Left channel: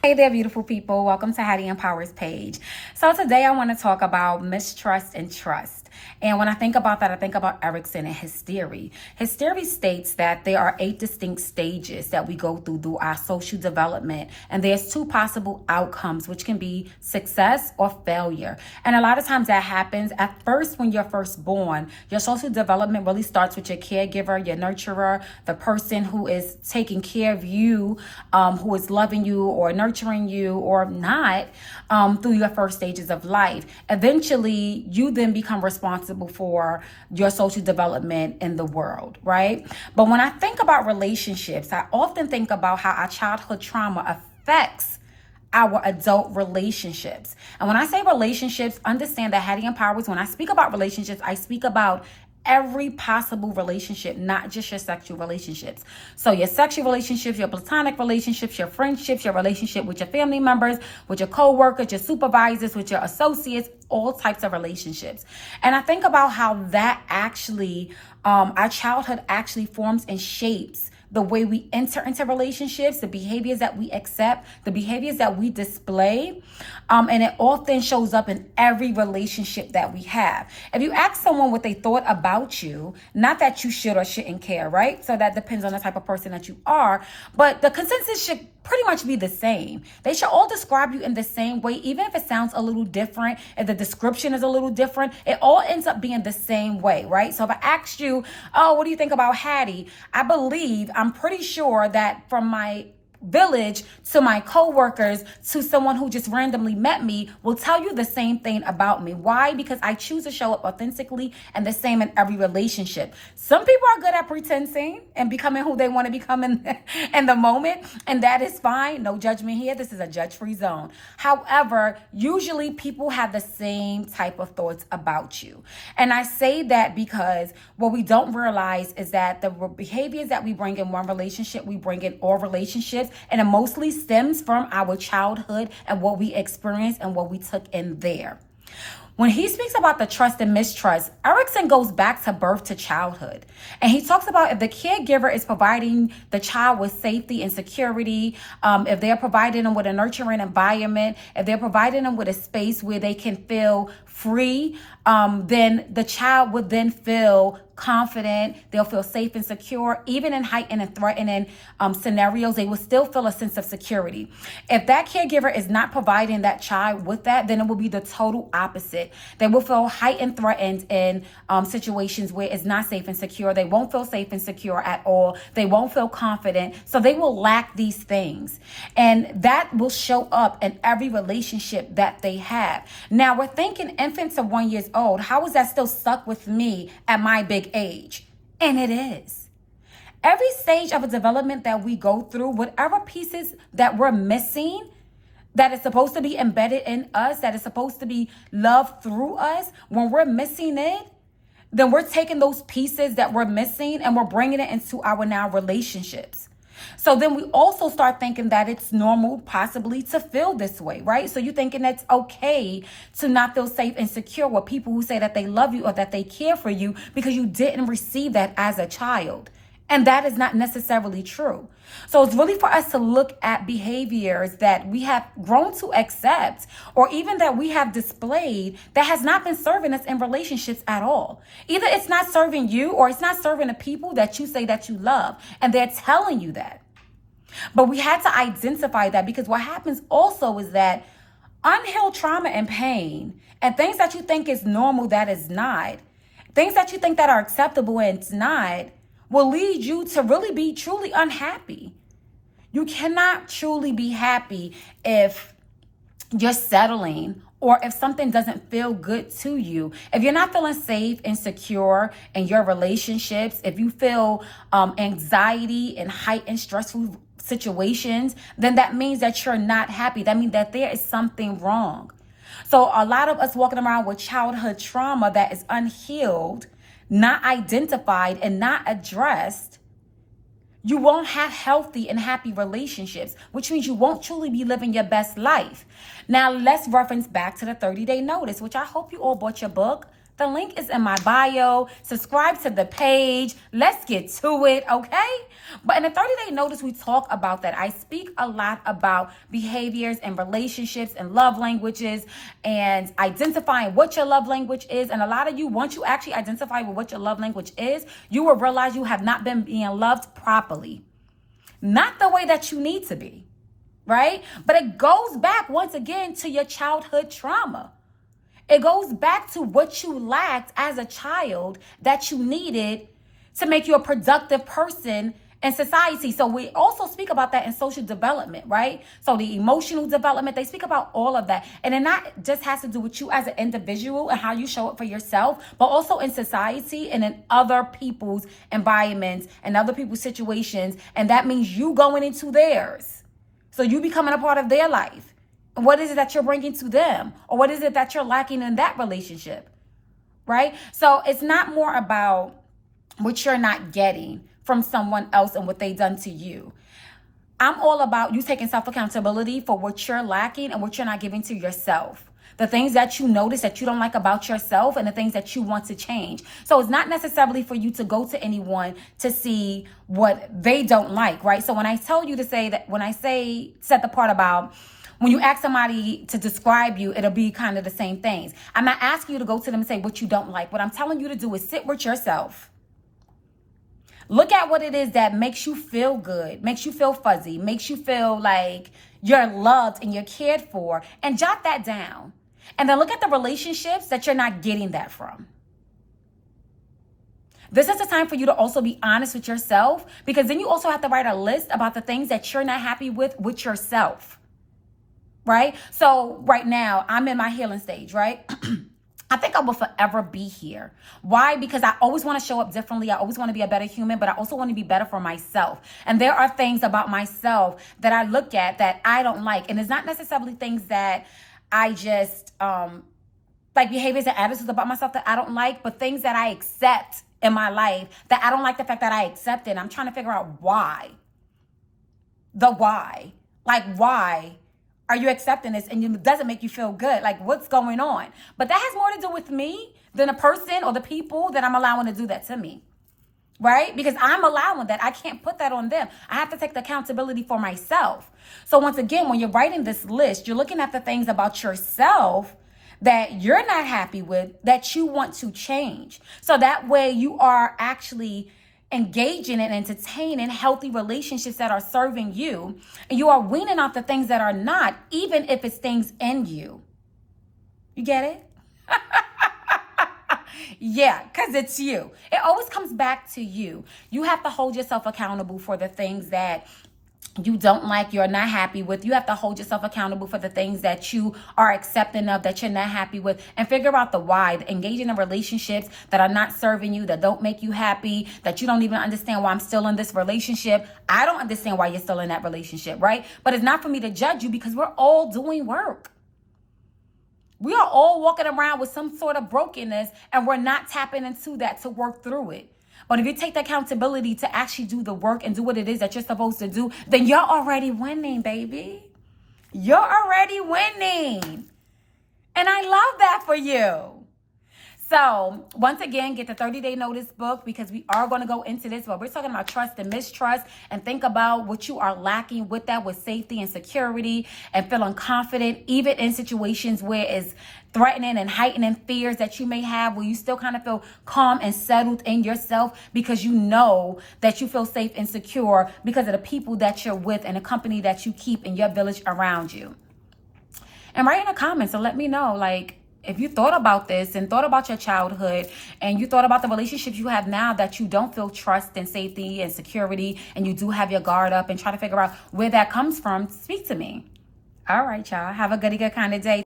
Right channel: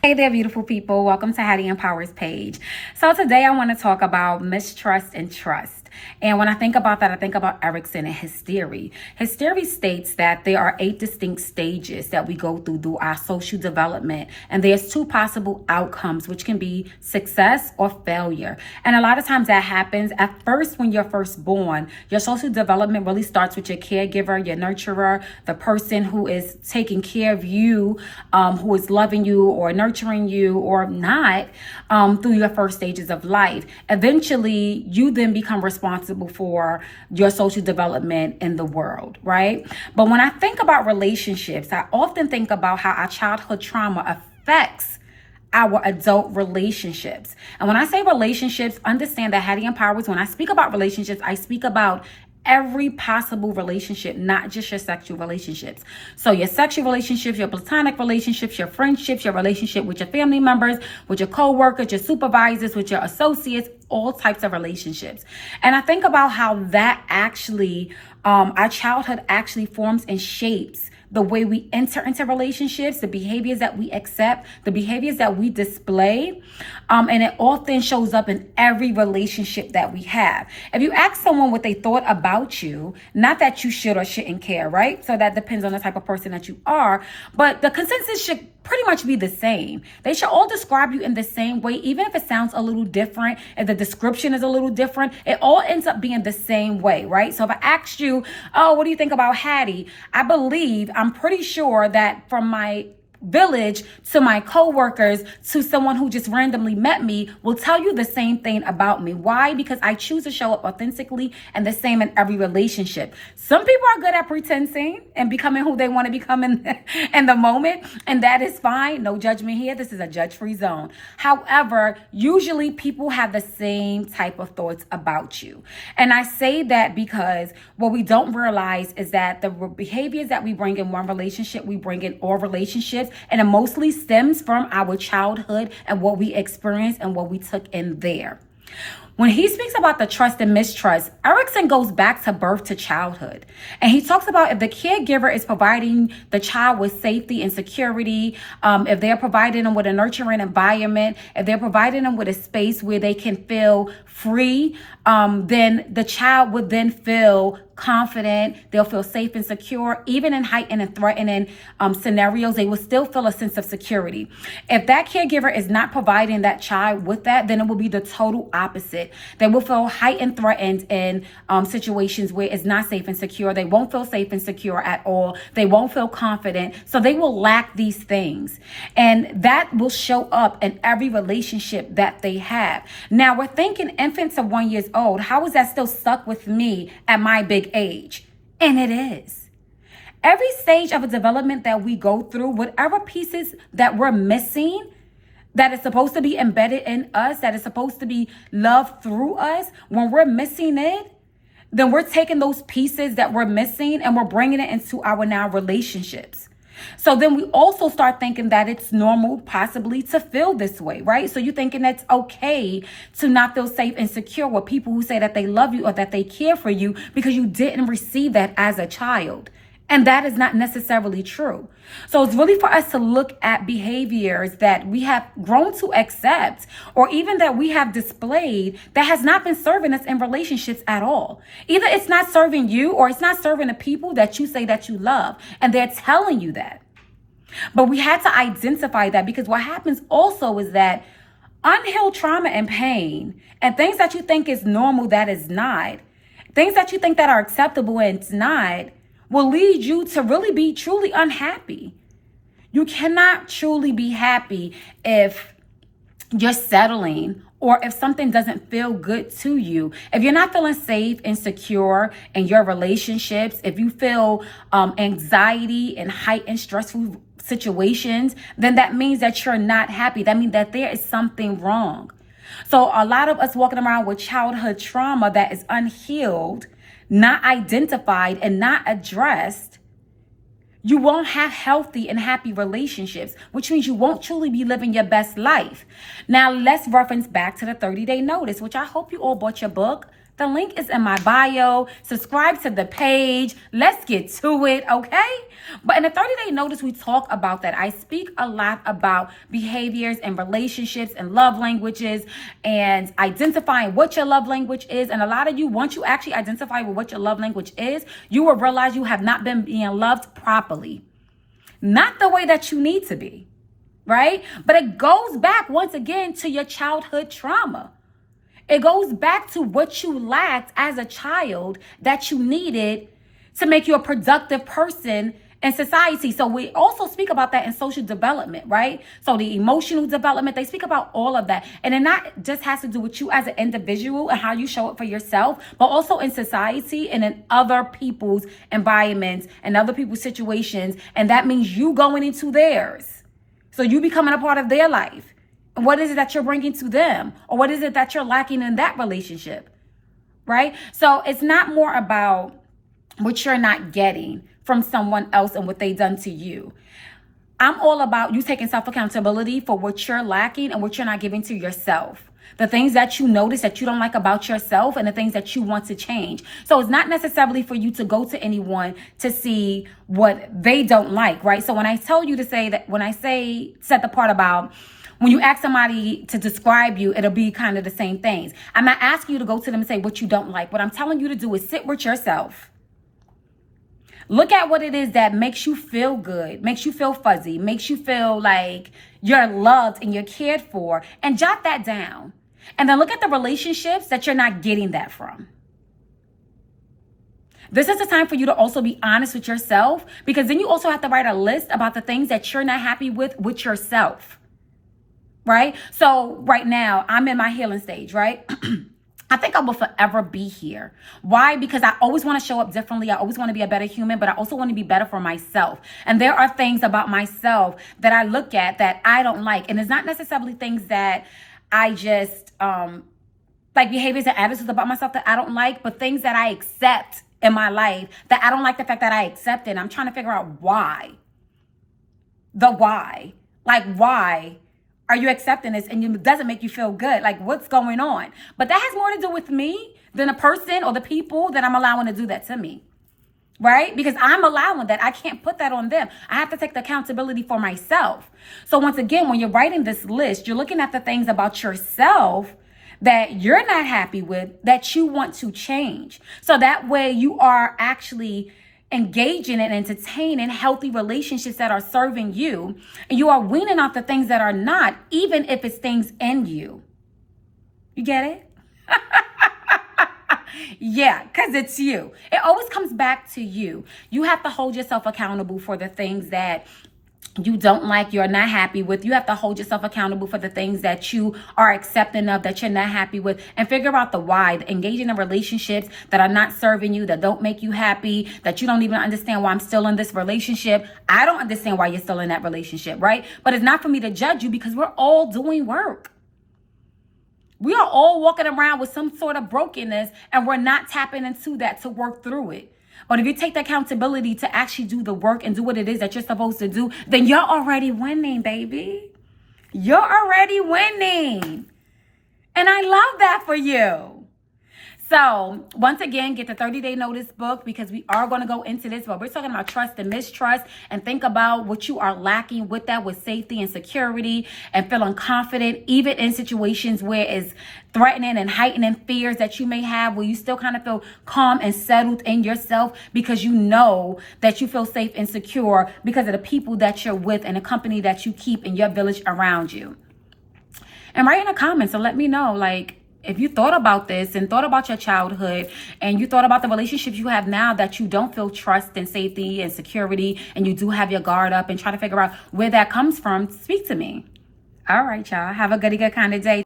Hey there, beautiful people. Welcome to Hattie Empowers page. So today I want to talk about mistrust and trust. And when I think about that, I think about Erickson and his theory. His theory states that there are 8 distinct stages that we go through our social development. And there's 2 possible outcomes, which can be success or failure. And a lot of times that happens at first when you're first born. Your social development really starts with your caregiver, your nurturer, the person who is taking care of you, who is loving you or nurturing you or not, through your first stages of life. Eventually, you then become responsible for your social development in the world, right? But when I think about relationships, I often think about how our childhood trauma affects our adult relationships. And when I say relationships, understand that Hattie Empowers, when I speak about relationships, I speak about every possible relationship, not just your sexual relationships. So your sexual relationships, your platonic relationships, your friendships, your relationship with your family members, with your co-workers, your supervisors, with your associates, all types of relationships. And I think about how that actually, our childhood actually forms and shapes the way we enter into relationships, the behaviors that we accept, the behaviors that we display. And it often shows up in every relationship that we have. If you ask someone what they thought about you, not that you should or shouldn't care, right? So that depends on the type of person that you are, but the consensus should pretty much be the same. They should all describe you in the same way, even if it sounds a little different, if the description is a little different, it all ends up being the same way, right? So if I asked you, oh, what do you think about Hattie? I'm pretty sure that from my village to my coworkers to someone who just randomly met me will tell you the same thing about me. Why? Because I choose to show up authentically and the same in every relationship. Some people are good at pretending and becoming who they want to become in the moment, and that is fine. No judgment here. This is a judge-free zone. However, usually people have the same type of thoughts about you. And I say that because what we don't realize is that the behaviors that we bring in one relationship, we bring in all relationships. And it mostly stems from our childhood and what we experienced and what we took in there. When he speaks about the trust and mistrust, Erickson goes back to birth to childhood. And he talks about if the caregiver is providing the child with safety and security, if they're providing them with a nurturing environment, if they're providing them with a space where they can feel free, then the child would then feel confident. They'll feel safe and secure. Even in heightened and threatening scenarios, they will still feel a sense of security. If that caregiver is not providing that child with that, then it will be the total opposite. They will feel heightened, threatened in situations where it's not safe and secure. They won't feel safe and secure at all. They won't feel confident. So they will lack these things. And that will show up in every relationship that they have. Now, we're thinking infants of 1 year old. How is that still stuck with me at my big age? And it is. Every stage of a development that we go through, whatever pieces that we're missing, that is supposed to be embedded in us, that is supposed to be loved through us, when we're missing it, then we're taking those pieces that we're missing and we're bringing it into our now relationships. So then we also start thinking that it's normal possibly to feel this way, right? So you're thinking that's okay to not feel safe and secure with people who say that they love you or that they care for you because you didn't receive that as a child. And that is not necessarily true. So it's really for us to look at behaviors that we have grown to accept or even that we have displayed that has not been serving us in relationships at all. Either it's not serving you or it's not serving the people that you say that you love. And they're telling you that. But we had to identify that because what happens also is that unhealed trauma and pain and things that you think is normal that is not, things that you think that are acceptable and it's not, will lead you to really be truly unhappy. You cannot truly be happy if you're settling or if something doesn't feel good to you. If you're not feeling safe and secure in your relationships, if you feel anxiety and heightened stressful situations, then that means that you're not happy. That means that there is something wrong. So a lot of us walking around with childhood trauma that is unhealed, not identified and not addressed, you won't have healthy and happy relationships, which means you won't truly be living your best life. Now, let's reference back to the 30-day notice, which I hope you all bought your book, The link is in my bio. Subscribe to the page. Let's get to it, okay? But in the 30-day notice, we talk about that. I speak a lot about behaviors and relationships and love languages and identifying what your love language is. And a lot of you, once you actually identify with what your love language is, you will realize you have not been being loved properly. Not the way that you need to be, right? But it goes back once again to your childhood trauma. It goes back to what you lacked as a child that you needed to make you a productive person in society. So we also speak about that in social development, right? So the emotional development, they speak about all of that. And it not just has to do with you as an individual and how you show up for yourself, but also in society and in other people's environments and other people's situations. And that means you going into theirs. So you becoming a part of their life. What is it that you're bringing to them? Or what is it that you're lacking in that relationship? Right? So it's not more about what you're not getting from someone else and what they've done to you. I'm all about you taking self-accountability for what you're lacking and what you're not giving to yourself. The things that you notice that you don't like about yourself and the things that you want to change. So it's not necessarily for you to go to anyone to see what they don't like, right? So when I tell you to say that, when I say set the part about when you ask somebody to describe you, it'll be kind of the same things. I'm not asking you to go to them and say what you don't like. What I'm telling you to do is sit with yourself. Look at what it is that makes you feel good, makes you feel fuzzy, makes you feel like you're loved and you're cared for, and jot that down. And then look at the relationships that you're not getting that from. This is the time for you to also be honest with yourself, because then you also have to write a list about the things that you're not happy with yourself. Right? So right now I'm in my healing stage, right? I think I will forever be here. Why? Because I always want to show up differently. I always want to be a better human, but I also want to be better for myself. And there are things about myself that I look at that I don't like. And it's not necessarily things that I just, like behaviors and attitudes about myself that I don't like, but things that I accept in my life that I don't like the fact that I accept it. I'm trying to figure out why. The why. Like, why are you accepting this and it doesn't make you feel good? Like, what's going on? But that has more to do with me than a person or the people that I'm allowing to do that to me, right? Because I'm allowing that. I can't put that on them. I have to take the accountability for myself. So once again, when you're writing this list, you're looking at the things about yourself that you're not happy with, that you want to change. So that way you are actually engaging and entertaining healthy relationships that are serving you, and you are weaning off the things that are not, even if it's things in you. You get it? Yeah, because it's you. It always comes back to you. You have to hold yourself accountable for the things that you don't like, you're not happy with. You have to hold yourself accountable for the things that you are accepting of, that you're not happy with, and figure out the why. Engaging in relationships that are not serving you, that don't make you happy, that you don't even understand why I'm still in this relationship. I don't understand why you're still in that relationship, right? But it's not for me to judge you, because we're all doing work. We are all walking around with some sort of brokenness, and we're not tapping into that to work through it. But if you take the accountability to actually do the work and do what it is that you're supposed to do, then you're already winning, baby. You're already winning. And I love that for you. So once again, get the 30-day notice book, because we are going to go into this, but we're talking about trust and mistrust, and think about what you are lacking with that, with safety and security and feeling confident, even in situations where it's threatening and heightening fears that you may have, where you still kind of feel calm and settled in yourself because you know that you feel safe and secure because of the people that you're with and the company that you keep in your village around you. And write in the comments and let me know, like, if you thought about this and thought about your childhood and you thought about the relationships you have now that you don't feel trust and safety and security, and you do have your guard up, and try to figure out where that comes from, speak to me. All right, y'all. Have a good kind of day.